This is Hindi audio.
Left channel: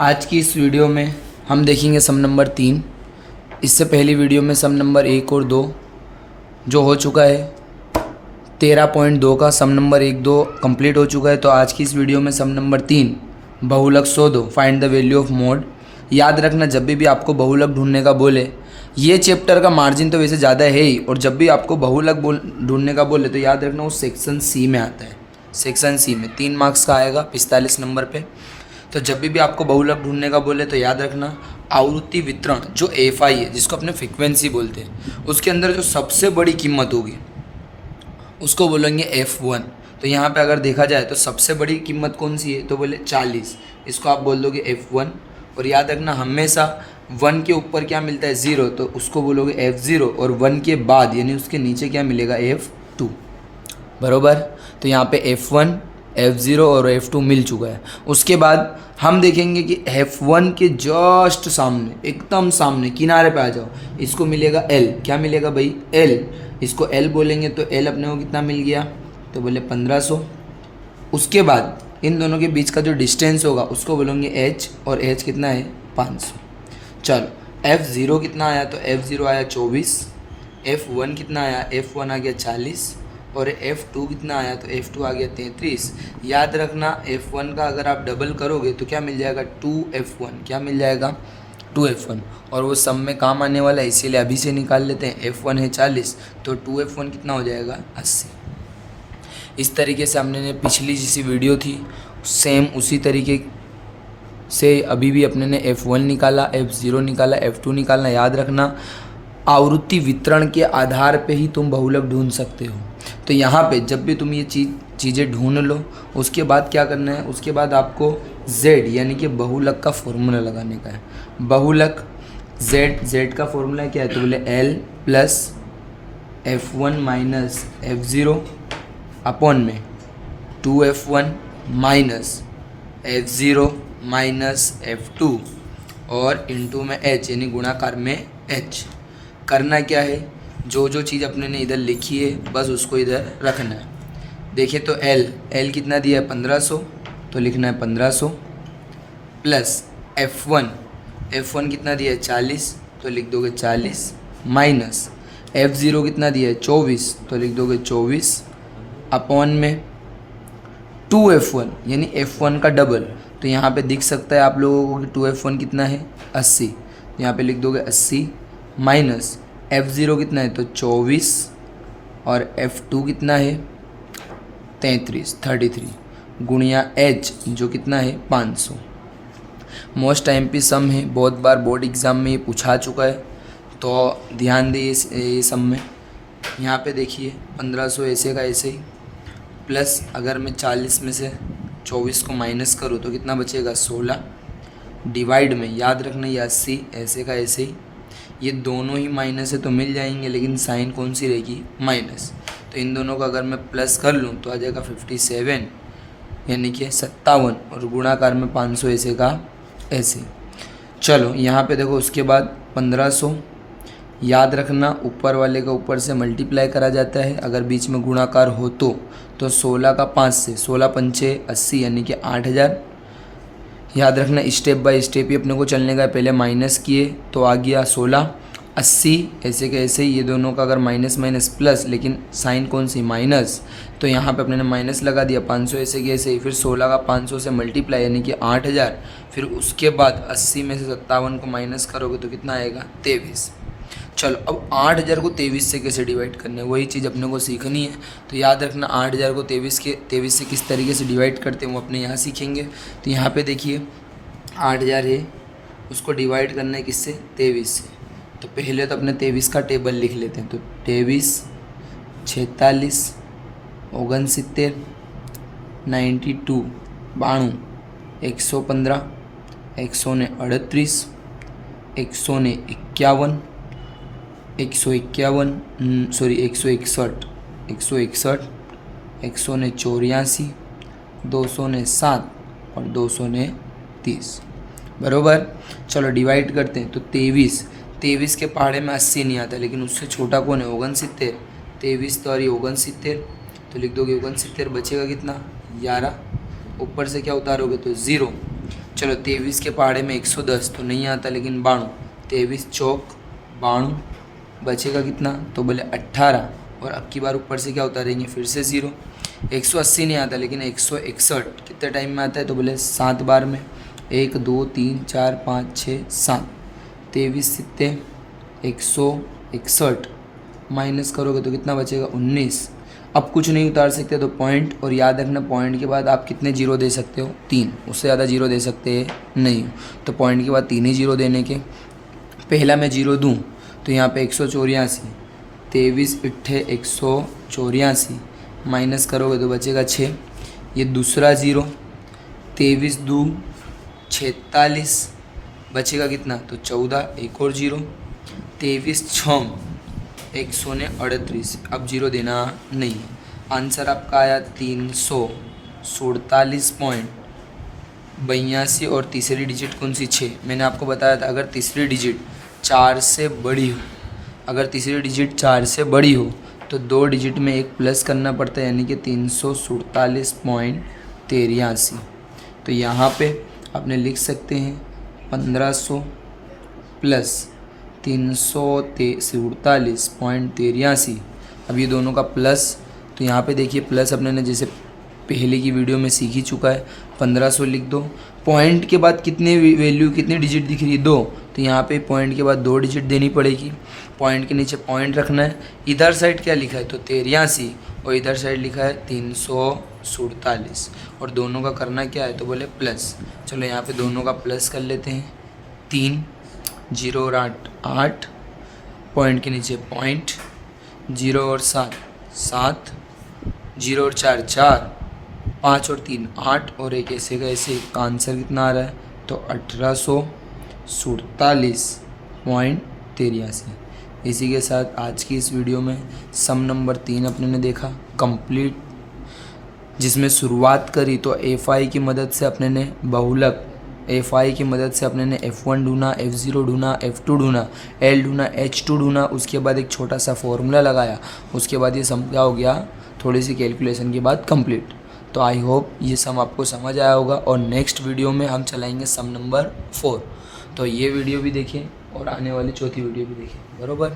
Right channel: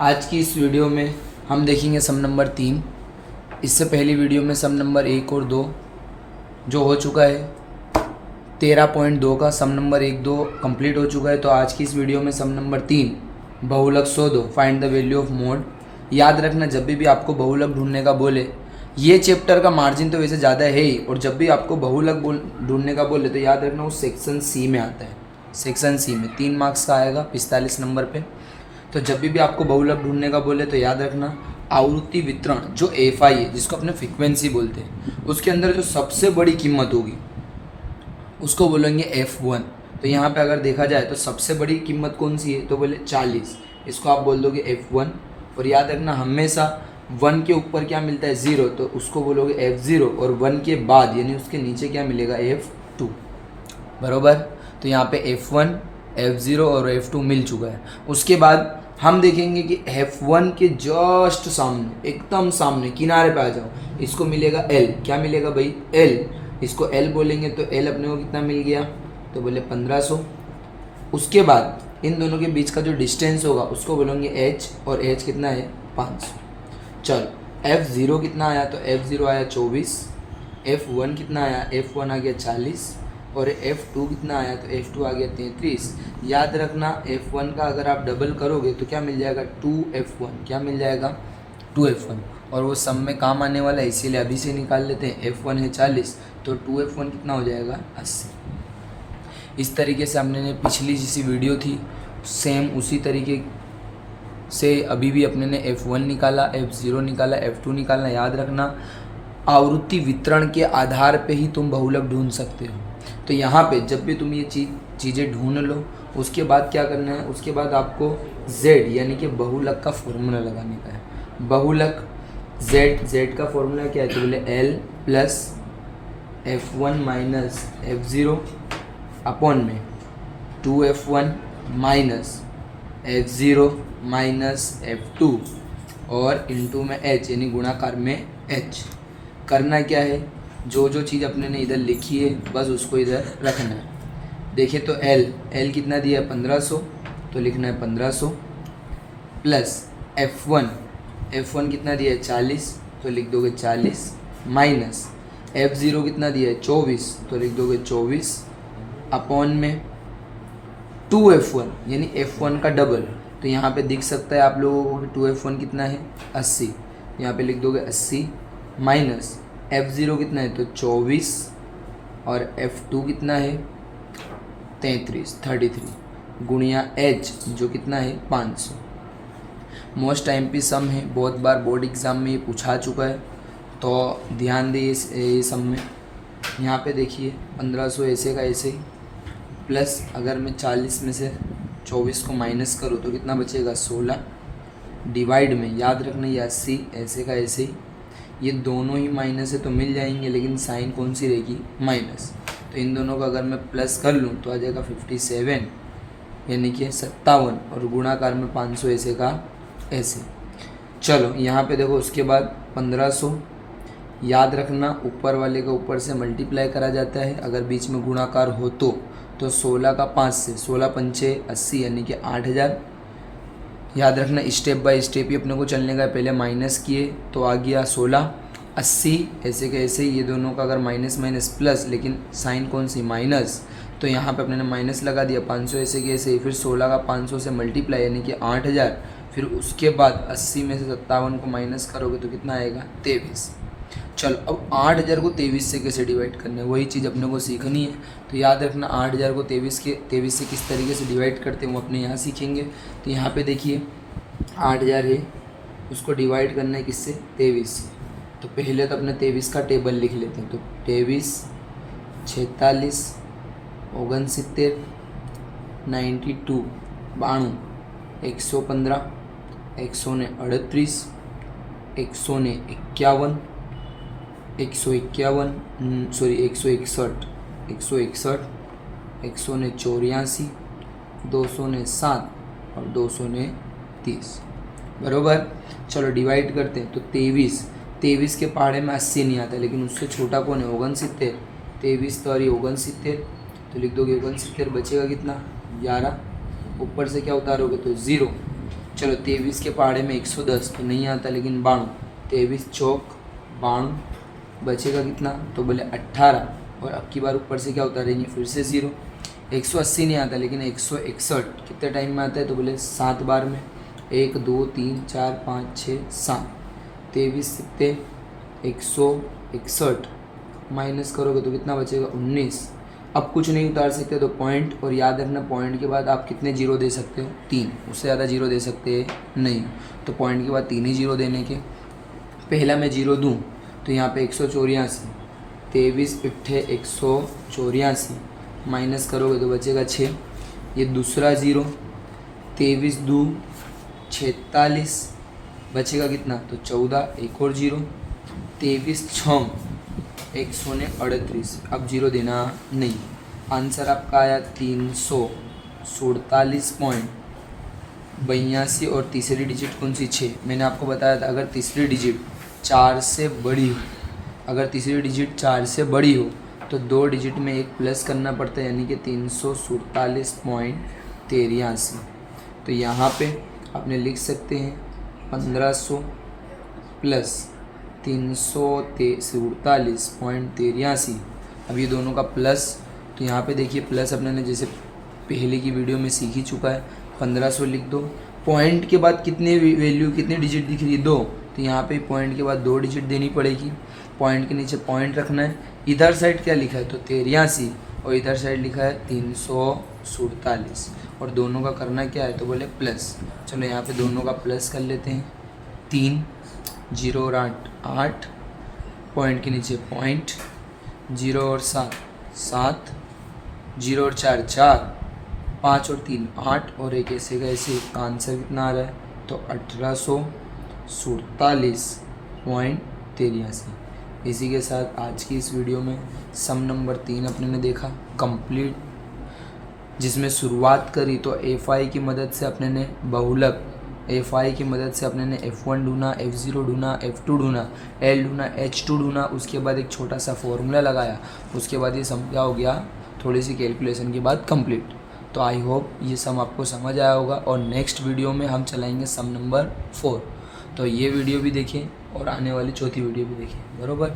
आज की इस वीडियो में हम देखेंगे सम नंबर 3। इससे पहली वीडियो में सम नंबर 1 और 2 जो हो चुका है 13.2 का सम नंबर 1-2 कंप्लीट हो चुका है। तो आज की इस वीडियो में सम नंबर 3 बहुलक 102 find the value of mode. याद रखना, जब भी आपको बहुलक ढूंढने का बोले, ये चैप्टर का मार्जिन तो वैसे ज़्यादा है ही, और जब भी आपको बहुलक ढूंढने का बोले तो याद रखना वो सेक्शन सी में आता है। सेक्शन सी में 3 मार्क्स का आएगा 45 नंबर पे। तो जब भी आपको बहुलक ढूंढने का बोले तो याद रखना आवृत्ति वितरण जो एफ आई है, जिसको अपने फ्रिक्वेंसी बोलते हैं, उसके अंदर जो सबसे बड़ी कीमत होगी उसको बोलेंगे F1। तो यहाँ पे अगर देखा जाए तो सबसे बड़ी कीमत कौन सी है, तो बोले 40, इसको आप बोल दोगे F1। और याद रखना हमेशा 1 के ऊपर क्या मिलता है 0, तो उसको बोलोगे F0, और 1 के बाद यानी उसके नीचे क्या मिलेगा F2। बरोबर। तो यहाँ पे F1, F0 और F2 मिल चुका है। उसके बाद हम देखेंगे कि F1 के जस्ट सामने, एकदम सामने किनारे पे आ जाओ, इसको मिलेगा L। क्या मिलेगा भाई? L। इसको L बोलेंगे तो L अपने को कितना मिल गया, तो बोले 1500। उसके बाद इन दोनों के बीच का जो डिस्टेंस होगा उसको बोलेंगे H, और H कितना है 500। चलो F0 कितना आया, तो F0 आया 24। F1 कितना आया, F1 आ गया 40, और F2 कितना आया, तो F2 आ गया 33। याद रखना F1 का अगर आप डबल करोगे तो क्या मिल जाएगा 2F1। क्या मिल जाएगा 2F1, और वो सम में काम आने वाला है, इसीलिए अभी से निकाल लेते हैं। F1 है 40, तो 2F1 कितना हो जाएगा 80। इस तरीके से हमने पिछली जिसी वीडियो थी सेम उसी तरीके से अभी भी अपने ने F1 निकाला, F0 निकाला, F2 निकालना। याद रखना आवृत्ति वितरण के आधार पे ही तुम बहुलक ढूंढ सकते हो। तो यहाँ पे जब भी तुम ये चीज़ें ढूंढ लो, उसके बाद क्या करना है, उसके बाद आपको Z यानी कि बहुलक का फॉर्मूला लगाने का है। बहुलक Z का फॉर्मूला क्या है, तो बोले L plus F1 minus F0 upon में 2F1 minus F0 minus F2 और इंटू में H यानी गुणाकार में H। करना क्या है, जो जो चीज़ अपने ने इधर लिखी है बस उसको इधर रखना है। देखिए तो L कितना दिया है 1500, तो लिखना है 1500 प्लस F1 कितना दिया है 40, तो लिख दोगे 40 माइनस F0 कितना दिया है 24, तो लिख दोगे 24 अपॉन में 2F1 यानी F1 का डबल। तो यहाँ पे दिख सकता है आप लोगों को कि 2F1 कितना है 80, यहाँ पे लिख दोगे 80 माइनस F0 कितना है, तो 24, और F2 कितना है 33 गुणिया H जो कितना है 500। मोस्ट टाइम पे सम है, बहुत बार बोर्ड एग्ज़ाम में ये पूछा चुका है, तो ध्यान दिए ये सम में। यहाँ पे देखिए 1500 ऐसे का ऐसे ही, प्लस अगर मैं 40 में से 24 को माइनस करूँ तो कितना बचेगा 16, डिवाइड में याद रखना ये 80 ऐसे का ऐसे ही, ये दोनों ही माइनस है तो मिल जाएंगे, लेकिन साइन कौन सी रहेगी माइनस। तो इन दोनों का अगर मैं प्लस कर लूँ तो आ जाएगा 57 यानी कि 57, और गुणाकार में 500 ऐसे का ऐसे। चलो यहाँ पे देखो, उसके बाद 1500 याद रखना ऊपर वाले का ऊपर से मल्टीप्लाई करा जाता है अगर बीच में गुणाकार हो तो 16 का 5 से 16 पंचे 80 यानी कि 8000। याद रखना स्टेप बाय स्टेप ही अपने को चलने का है। पहले माइनस किए तो आ गया 16, 80 ऐसे के ऐसे ही, ये दोनों का अगर माइनस माइनस प्लस, लेकिन साइन कौन सी माइनस, तो यहाँ पे अपने ने माइनस लगा दिया। 500 ऐसे के ऐसे ही, फिर 16 का 500 से मल्टीप्लाई यानी कि 8000, फिर उसके बाद 80 में से 57 को माइनस करोगे तो कितना आएगा 23। चलो अब 8000 को 23 से कैसे डिवाइड करना है, वही चीज़ अपने को सीखनी है। तो याद रखना 8000 को 23 से किस तरीके से डिवाइड करते हैं वो अपने यहाँ सीखेंगे। तो यहाँ पे देखिए 8000 है, उसको डिवाइड करना है किससे 23 से। तो पहले तो अपने 23 का टेबल लिख लेते हैं। तो 23, 46, 69, 92, 92, 115, 138, 151, 161, 161, 161, 184, 207 और 230। बरोबर। चलो डिवाइड करते हैं। तो 23 के पहाड़े में 80 नहीं आता, लेकिन उससे छोटा कौन है 69। 23 तो 69, तो लिख दोगे 69, बचेगा कितना 11, ऊपर से क्या उतारोगे तो 0। चलो 23 के पहाड़े में 110 तो नहीं आता, लेकिन 92, 23 चौक 92, बचेगा कितना, तो बोले 18, और अब की बार ऊपर से क्या उतारेंगे, फिर से 0। 180 नहीं आता, लेकिन 161 कितने टाइम में आता है, तो बोले 7 बार में, 1 2 3 4 5 6 7, 23 सित्ते 161, माइनस करोगे तो कितना बचेगा, 19। अब कुछ नहीं उतार सकते तो पॉइंट, और याद रखना पॉइंट के बाद आप कितने जीरो दे सकते हो, 3, उससे ज़्यादा जीरो दे सकते हैं नहीं, तो पॉइंट के बाद 3 ही जीरो देने के। पहला मैं जीरो दूँ तो यहाँ पे 184, 23 इट्ठे 184, माइनस करोगे तो बचेगा 6। ये दूसरा ज़ीरो, 23 दू 46, बचेगा कितना, तो 14, एक और जीरो, 23 छम 138, अब जीरो देना नहीं। आंसर आपका आया 347.82, और तीसरी डिजिट कौन सी, 6। मैंने आपको बताया था अगर तीसरी डिजिट 4 से बड़ी हो, अगर तीसरी डिजिट 4 से बड़ी हो तो 2 डिजिट में एक प्लस करना पड़ता है, यानी कि 347.83। तो यहाँ पे आपने लिख सकते हैं 1500 प्लस 347.83। अब ये दोनों का प्लस, तो यहाँ पे देखिए प्लस अपने ने जैसे पहले की वीडियो में सीख ही चुका है, 1500 लिख दो। पॉइंट के बाद कितनी वैल्यू, कितनी डिजिट दिख रही है, 2, तो यहाँ पे पॉइंट के बाद 2 डिजिट देनी पड़ेगी। पॉइंट के नीचे पॉइंट रखना है। इधर साइड क्या लिखा है, तो 83, और इधर साइड लिखा है 347, और दोनों का करना क्या है, तो बोले प्लस। चलो यहाँ पे दोनों का प्लस कर लेते हैं, 3, 0 और 8 8, पॉइंट के नीचे पॉइंट, 0 और 7 7, 0 और 4 4, 5 और 3 8, और एक ऐसे का ऐसे। का आंसर कितना आ रहा है, तो 1847.83। इसी के साथ आज की इस वीडियो में सम नंबर 3 अपने ने देखा कंप्लीट, जिसमें शुरुआत करी तो FI की मदद से अपने ने बहुलक, FI की मदद से अपने ने F1 ढूंढा, F0 ढूंढा, F2 ढूंढा, L ढूंढा, H2 ढूंढा, उसके बाद एक छोटा सा फॉर्मूला लगाया, उसके बाद ये सम क्या हो गया, थोड़ी सी कैलकुलेशन के बाद कंप्लीट। तो आई होप ये सम आपको समझ आया होगा, और नेक्स्ट वीडियो में हम चलाएंगे सम नंबर 4। तो ये वीडियो भी देखिए और आने वाली चौथी वीडियो भी देखिए, बरोबर।